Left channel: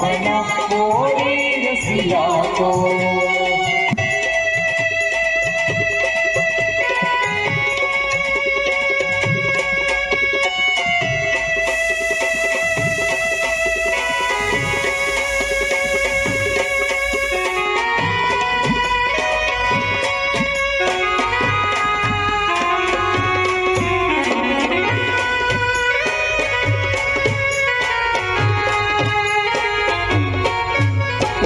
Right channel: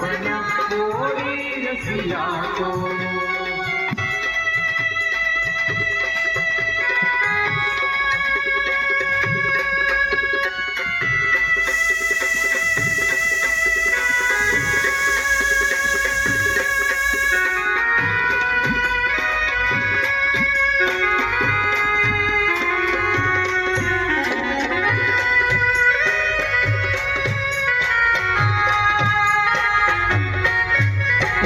Bye.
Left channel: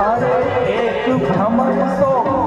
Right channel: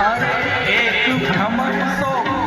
અરે એક ભ્રમર સો પ્રીત હમારી